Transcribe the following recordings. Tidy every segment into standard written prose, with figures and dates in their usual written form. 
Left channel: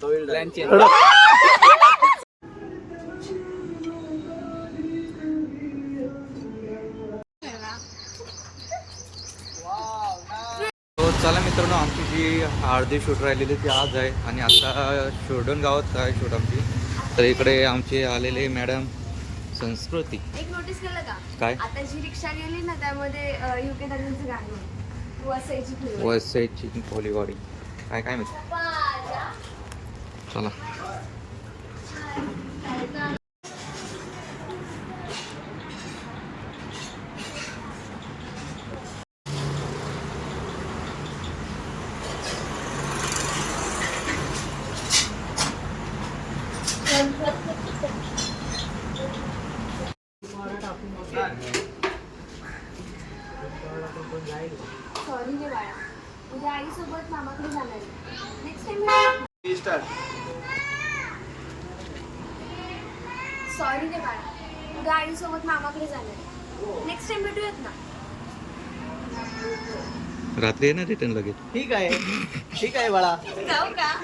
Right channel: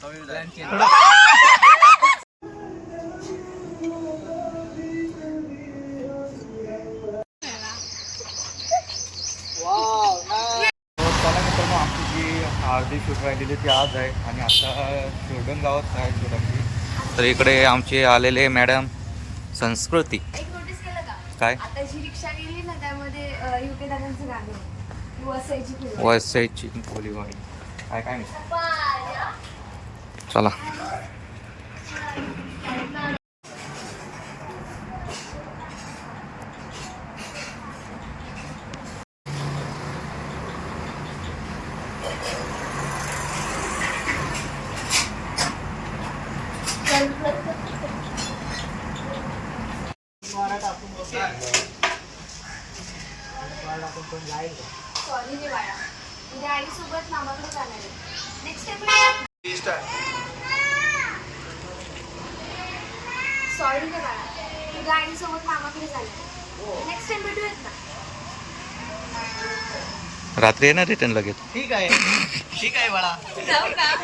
चला मित्रांनो, आमची जी अर्धी शूट राहिलेली ती आज आहे आणि आता शोडन गावात आहे शूट आमची. तर इकडे आमचे आलेले मॅडम संस्कृती. एक नोटीस केलं का? काय? आता जी रिक्षा गेली ना त्यामध्ये युके दादांचं गाणं आहे. वसईची कोलीवाडी काय काय माहिती. चला सॉरी रे बाळा, उद्या आई सोबत मामाकडे जाणार आहे. नेक्स्ट टाइम सॉरी रे बाळा, उद्या आई सोबत मामाकडे जाणार आहे. नेक्स्ट टाइम भेटूयात ना. रात्री येणार रिटर्न लगेच. ठीक आहे ठीक आहे बाळा. जाऊ का?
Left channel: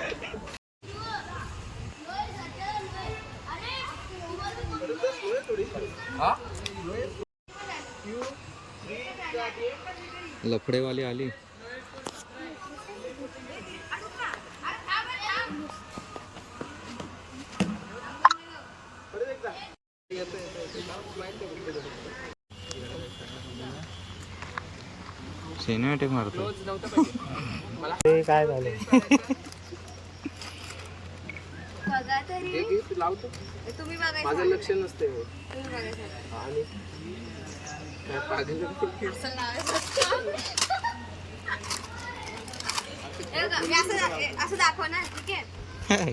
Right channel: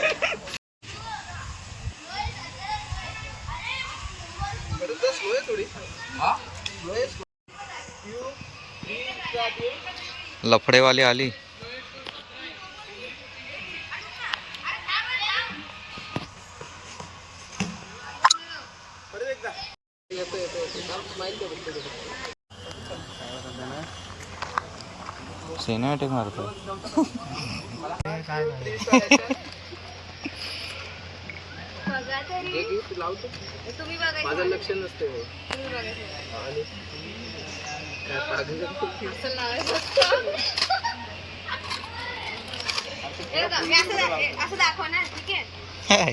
लफडेवाली आली. सिनेमॅटिक मारतो. काय झालं? बघा तरी तुम्ही बघायचं. माझं लक्ष नसते तुम्ही बघायचं. आणि असं लावायचं असतं. हे बघा, मी असं दाखवणार, ठीक आहे?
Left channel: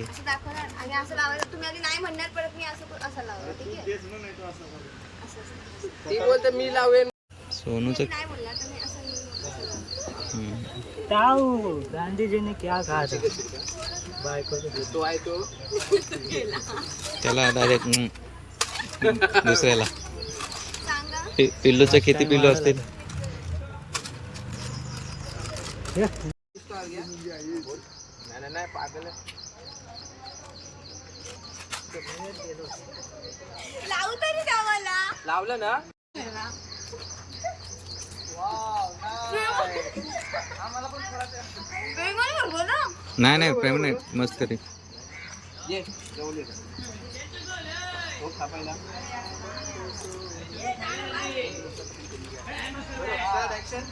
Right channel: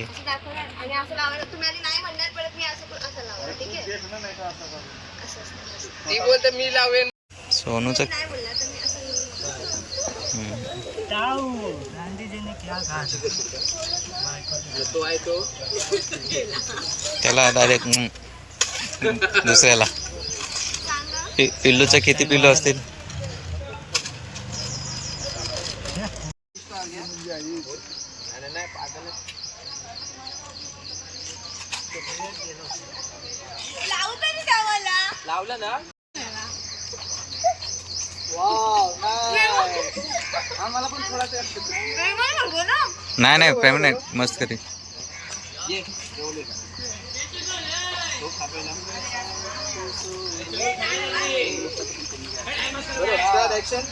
असं दाखवणार आणि असं लावायचं. तुम्ही आधी नाही म्हणणार, परत मी असं लावणार, ठीक आहे? असं असतं. ती बोलते मी लावेन. सोनूचं नाही बोलला तर मी असं गांधी ने क्या कहा था? तो आहे तो त्याला डायरेक्ट दुसऱ्याला. सांगा. पिल्लूचं किती पिल्लू असतील? नाही पागल लावू तरी द्या मला. लावलं ना. आम्हाला पण थोडा नाही नाही प्रेम नाही, मस्त करी. ये जेवले का तो खा पहिला. बरोबर ऍक्शन.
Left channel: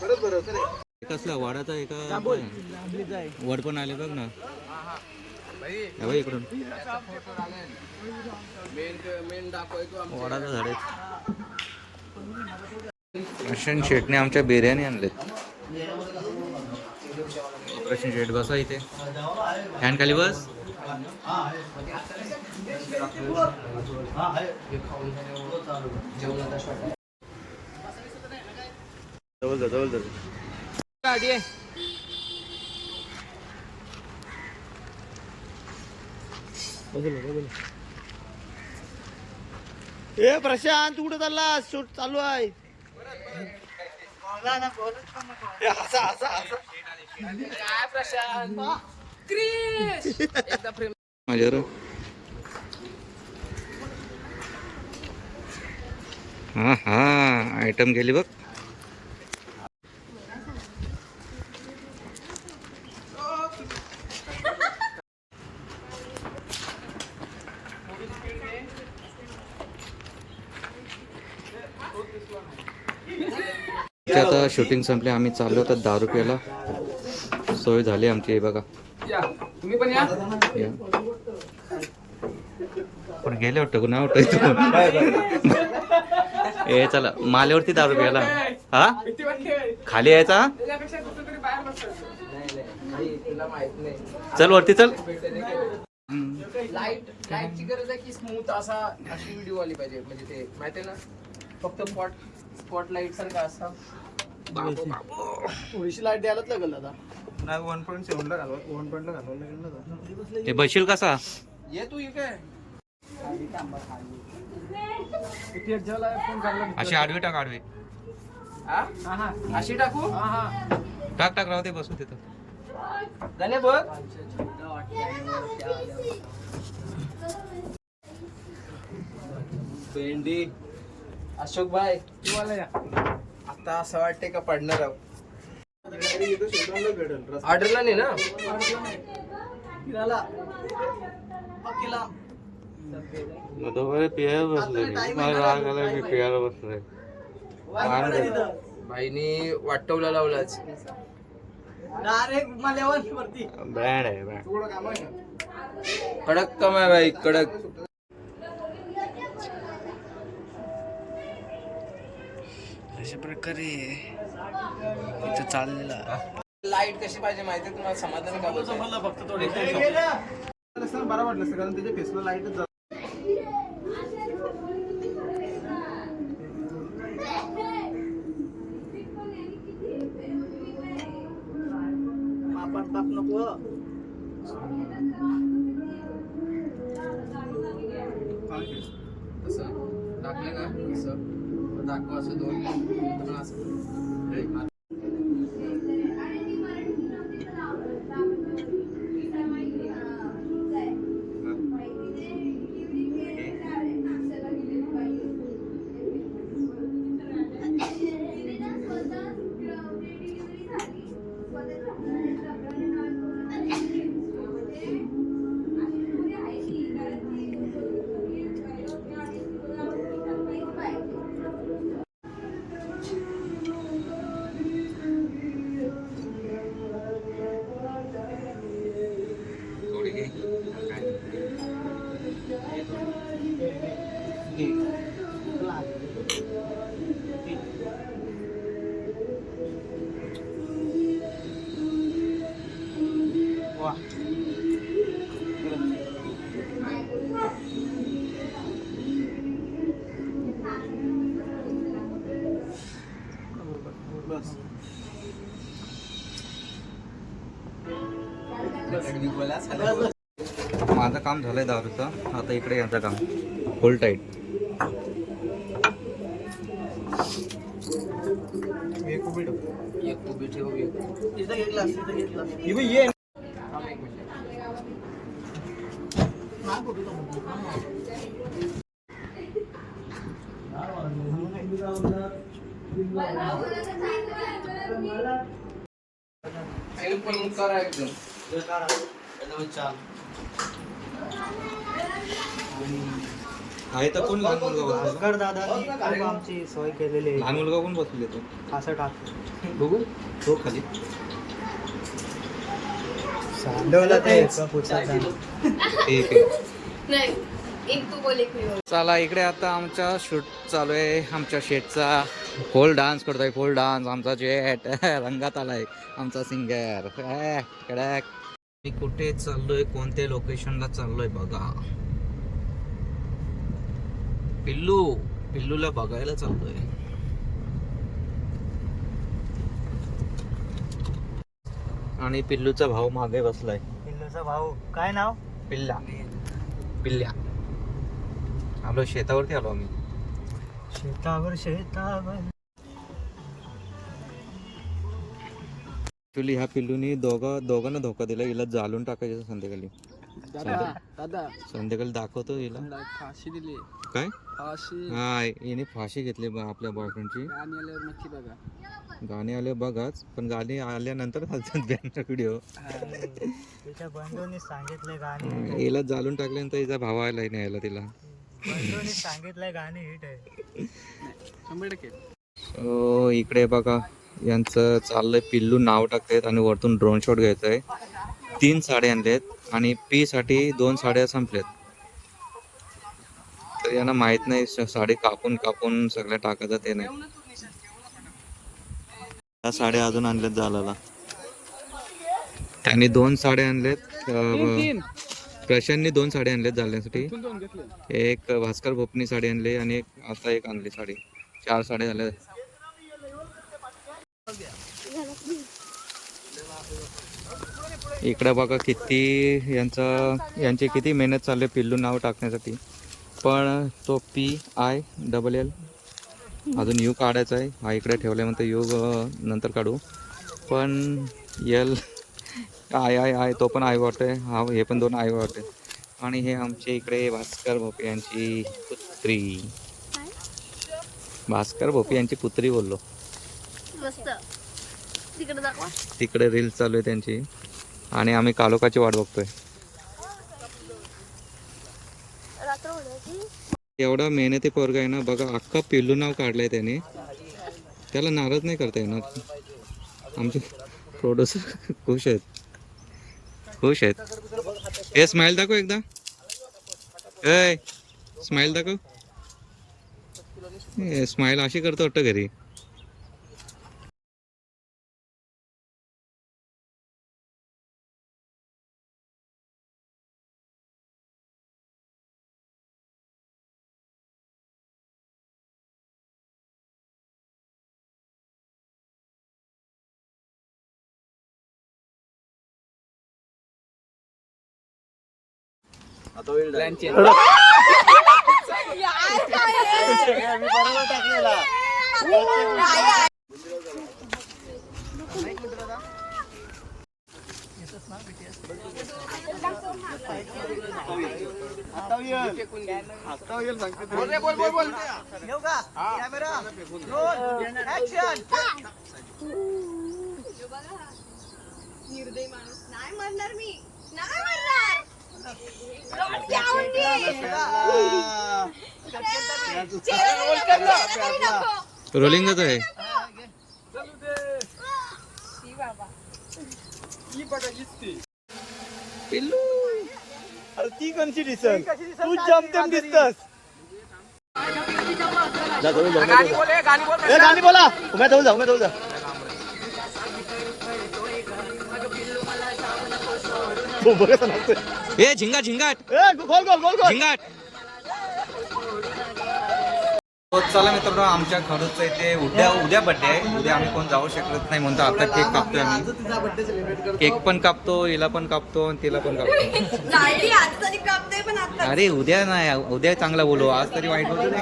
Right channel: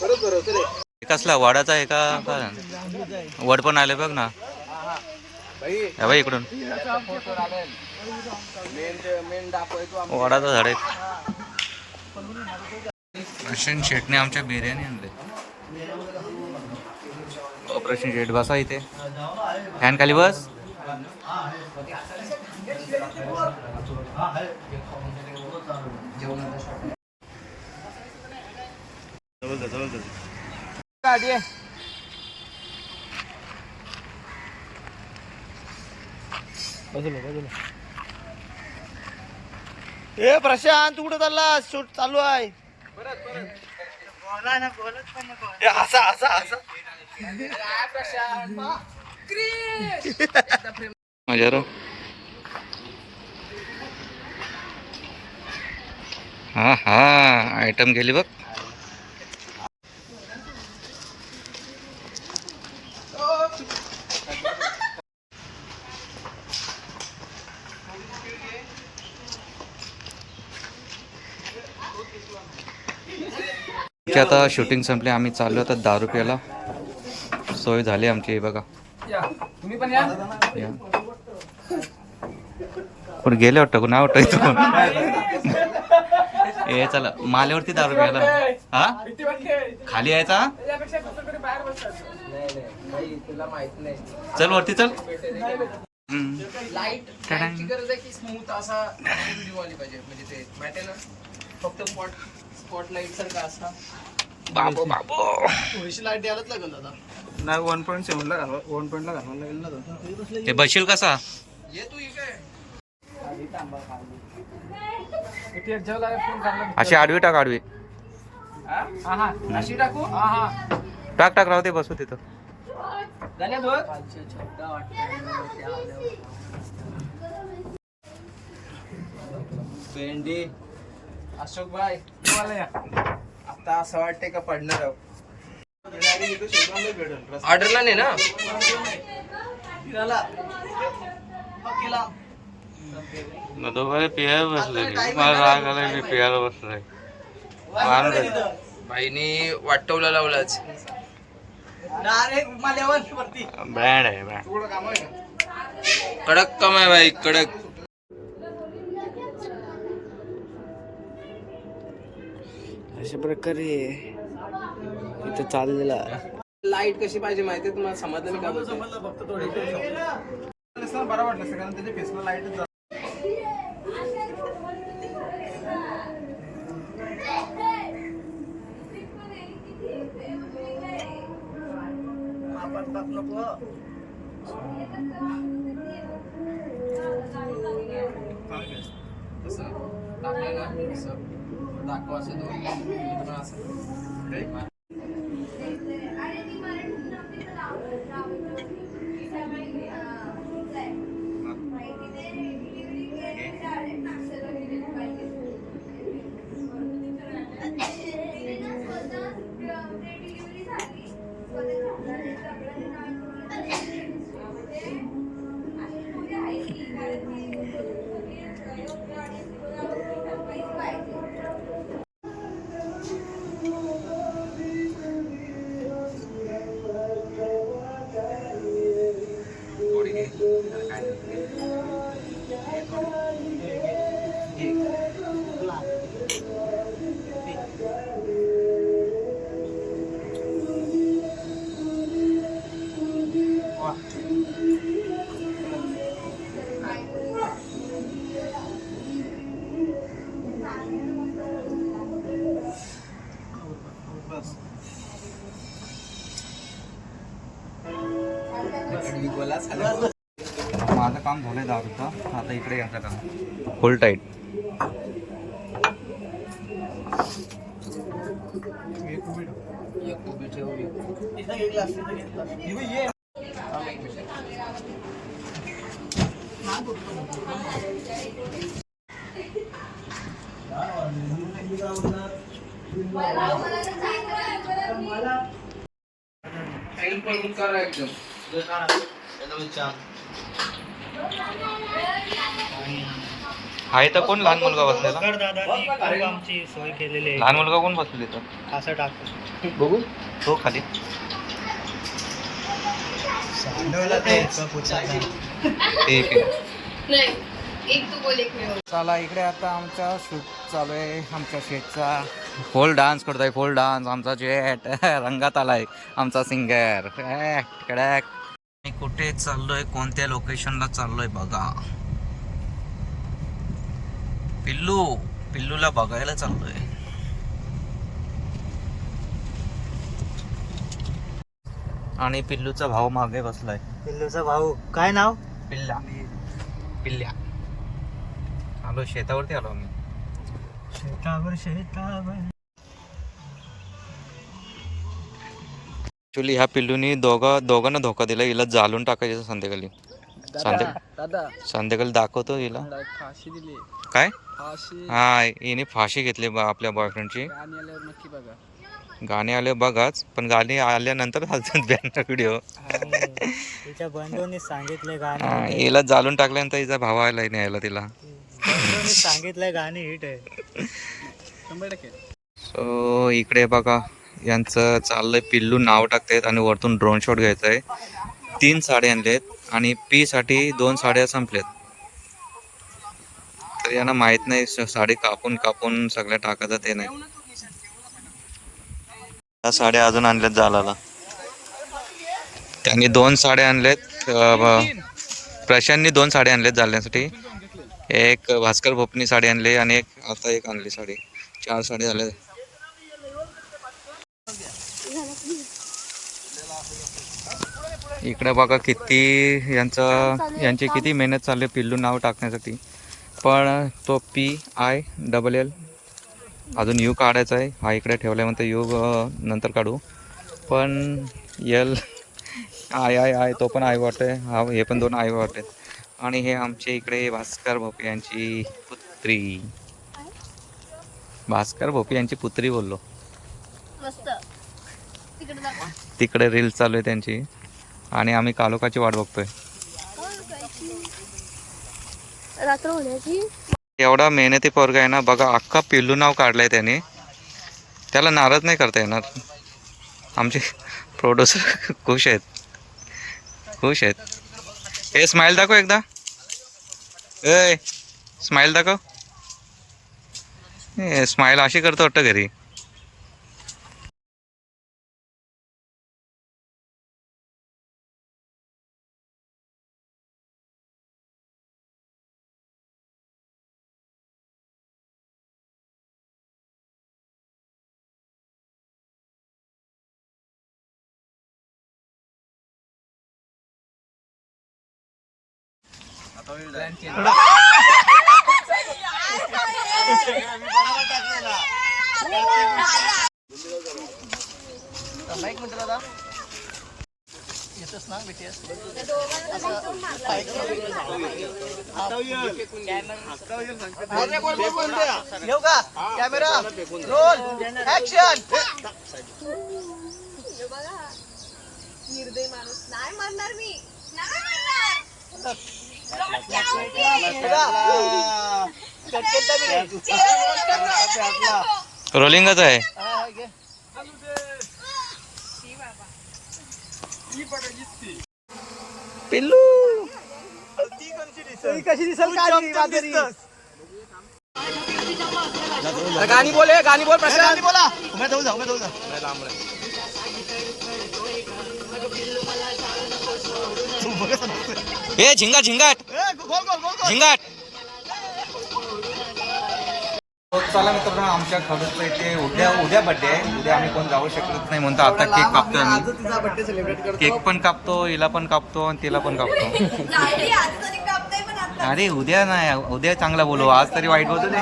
बरोबर. कसला वाडाचा आहे का? वड पण आले बघ ना. या बाई इकडून वडाचं झाड आहे. प्रशांत शेटने आमच्या बिर्याणी आणले. प्रशांत शेट बसा इथे, फॅन खाली बस. जवळ गाडी आहे. ए प्रशांत कुठं चालला? शूट चालू आहे. असा असा असा प्रशांत माझ्यावर हा हा आयटम गेली बघ. आता शूटिंग संपले, आम्ही चाललो आता दारू प्यायला. सोय झाली आमची, हे बघा. तुम्ही पण या. कोण गेले वाटतं, कोण आवडतं इथं कोण. ए चला माल्यावरती दारू प्यायला. हा खाली यायचा. चल वरती चल. लाईट गरज आहे की स्मूथ असा व्हिडिओ आली पाहिजे. म्हणजे ते माहिती आहे ना, फक्त स्पॉट लाईट सारखा असा. बाबो बाबो थोडीशी लाईट द्यायलाच लागेल दादा. नाही 1.7 ला घालवा, 1.1 ला घालवायला लागेल ना दादा. ते बशील कसा? ये तू इकडे. अशी आडवी टाक आडवी. अशी टाकू टाक टाक राहू दे बसू तिथं. गण्यात हो. भेंडी अशोक भाई आता असं वाटतंय का पडणार आहोत. ऑर्डरला नाही ना. नदोबाई पियाला बसले मला राग आलाय मी पियाला बसलोय. बाईने वाटवला लावलाच. बँड आहे बँड. कडक काम आहे बाई कडक. अशा प्रकारे इथं चाललेला. लाईट कशी पाहिजे माहितीये तुम्हाला समजलं का? फक्त थोडी बरं वाटलं कारण त्याच्या फेसला लाईट. टाकलं ना असं दाखव असं दोन असं. माझं काम झालंय दारूचं. आता इकडे याचं काम फुल टाईट. आहे तर कोण लहान मुलगा बसलेला? दादानी आमची सोय केलेली आहे. लहान मुलगा कोण बसलेला तर असं टाकतो बघू तो खाली. ठीक आहे. एक तू बोल एक मी बोल. चला इकडे आता आमचा शूट चालू आहे. आमच्या शेटचा फोल डान्स करतोय. फोल डान्स आमचा जेट रंगात आलाय. आमचा सिंगर कडक. मी कुठे चाललोय कोणत्या लोकेशनला चाललोय बघा. पिल्लूला बघायला चाललोय. आणि पिल्लूचा भाऊ मागे बसलाय. पिल्लूचा भाऊ काय नाव? पिल्ल्या आलो शेतावरती आलो मी. शेतावर ऍक्च्युली ह्या पिल्लूनी दोघांना धोका दिला. हिला जाळून टाकायचं संध्याकाळी. संध्याकाळी दाखवतो हिला. फाशी दिली काय फाशी. हा हिने फाशी घेतली आपल्या बॉयफ्रेंडची. गाणी आल्यावर नक्की बघा. गाणी आले बघाच पण गाणी आल्यानंतर घालतात व्हिडिओ. तिच्या बंधूंनी सांगितले गाणी. हिला जाळून टाकल्यानंतर हिचा भाव आला न्यायला तिला. सांगितलंय गाणी हिट आहे 100%. सो इकडे बघा यांचं चाललंय. पिल्लू नाव टाकतायत आणि वरतून ड्रोन शॉट घ्यायचा आहे. 3 साड्या आणलेत आणि पी साठी 2 साड्या संपल्यात. तर यांना माहित नाही साडी कापून सगळ्या टाकायचं ते नाही. त्या साड्या अजून आणल्यात जालाला. त्यांनी 2 साड्या आणल्यात. प्रशांतनी 2 साड्या आणल्यात जालण्यासाठी. एक भास्कर भोपनी साडी आणली आणि आता एक आणली साडी. 4 साड्या झाल्या. इकडे बघा किती यांची किती मेहनत चालली पिल्लू नाव टाकण्यासाठी. पण तो PILL अजून यू काढायचा आहे. हा इकडे ठेवल्यानंतर यू नंतर काढू. पण I तो पण आय वाटते. हा हे पण 2 आय वाटते. आणि हे आमचे इकडे भास्कर भोपे यांची पुत्री. भास्कर भोपे यांची पुत्री बोललो. मस्त तिकडे दाखव. तिकडे रील्स चालू आहे त्यांची आणि आम्ही कालोखाची वाट बघतोय. रात्र होण्याची. एवढा मेहनती पोरगा आहे ना बघा. अख्खा पिल्लू नाव काढलंय त्याने. त्याला नाराज नाही करता येणार. आमचे प्रोड्युसर खुश आहेत. हे स्माइल दाखव एकदा. स्माइल दाखव. स्माइल अशी करतो वाटतं घरी. निर्दय माणूस. नाही मरणार मी. नाही मरणार. रोलिंगच आहे. पिल्लू ती कोणची दिसत कशी चमचम दिसतस. गाणी बोला. मैं जाऊ. हे झिंगाट झिंगाट. चला मित्रांनो, आमच्या खडूसचा इथे उद्या बड्डे आहे. उद्या आम्ही कोण जाऊ शकत नाही म्हणतो. आता केक कापतोय आम्ही. केक पण कापतो, हिला पण कापतो आणि तिला पण कापतो. अरे उद्या नाही, उद्या चांगला बोलू. आज तरी वाईट बोलतो ते.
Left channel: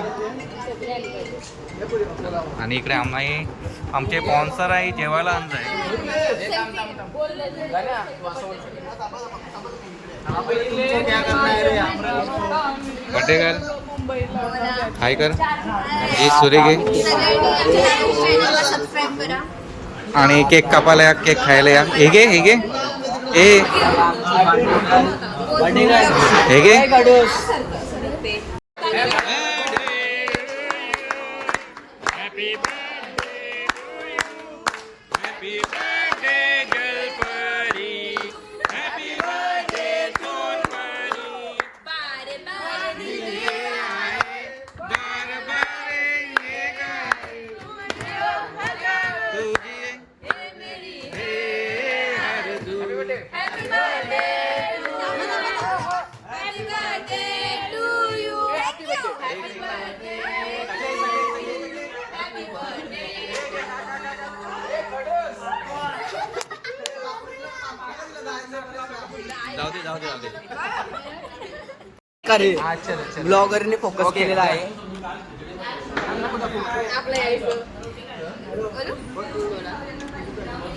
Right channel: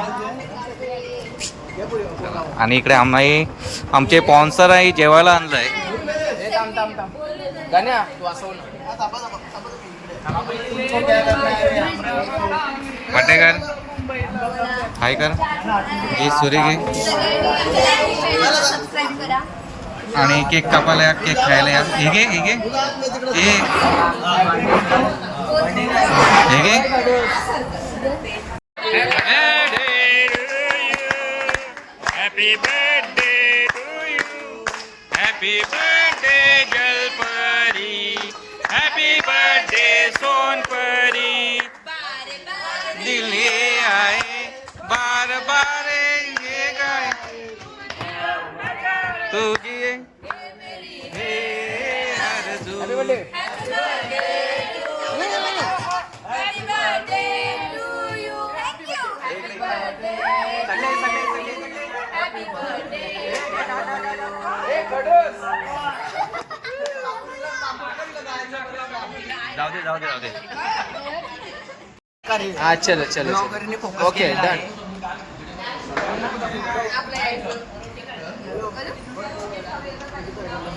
चला. आणि इकडे आम्ही आमचे स्पॉन्सर आहे जेवायला आणलंय. बड्डे गर्ल हाय कर. हे सुरे घे. सबस्क्राईब करा आणि केक कापायला या, केक खायला या. हे घे हे घे हे घे. Happy birthday to you. Happy birthday जलपरी. हॅपी बर्थडे सोनपरी. दिल्ली आहे बार बार ये गाय तुझी हे हरदू. जाऊ दे. हा चलो ब्लॉगरने फोकस केलेला आहे.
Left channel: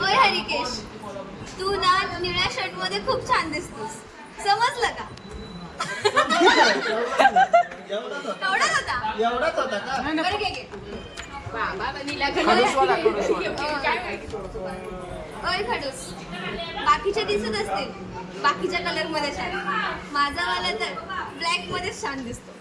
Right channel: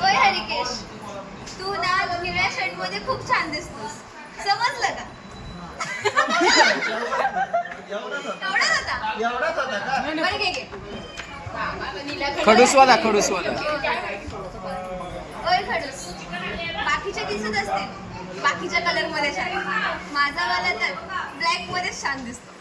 ओय हरिकेश, तू ना निळ्या शर्ट मध्ये खूप छान दिसतोस. समजलं का? एवढाच होता. बरं घे. खडूसवाला. ओय खडूस, बाकीचे दिसत असतील बाकीच्या कलर मध्ये छान. माझा वाला तर ब्लॅक मध्ये छान दिसतो.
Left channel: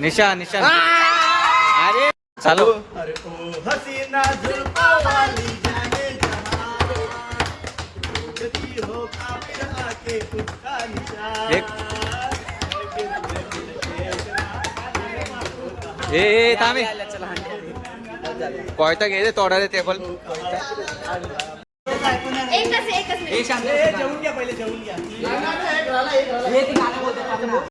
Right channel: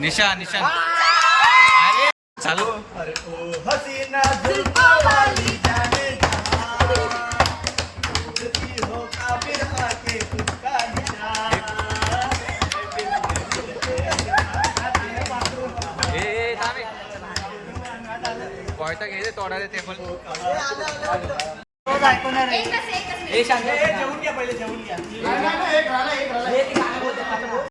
निशा अरे चालू. हसीना जुल्फा वाली जाने जहां हो काफिर आके उसका निशान. ए थांबे कोयता घे रे तोडा रे टेबल एकच ए शांत जेवून घ्या पहिले जेवून घ्या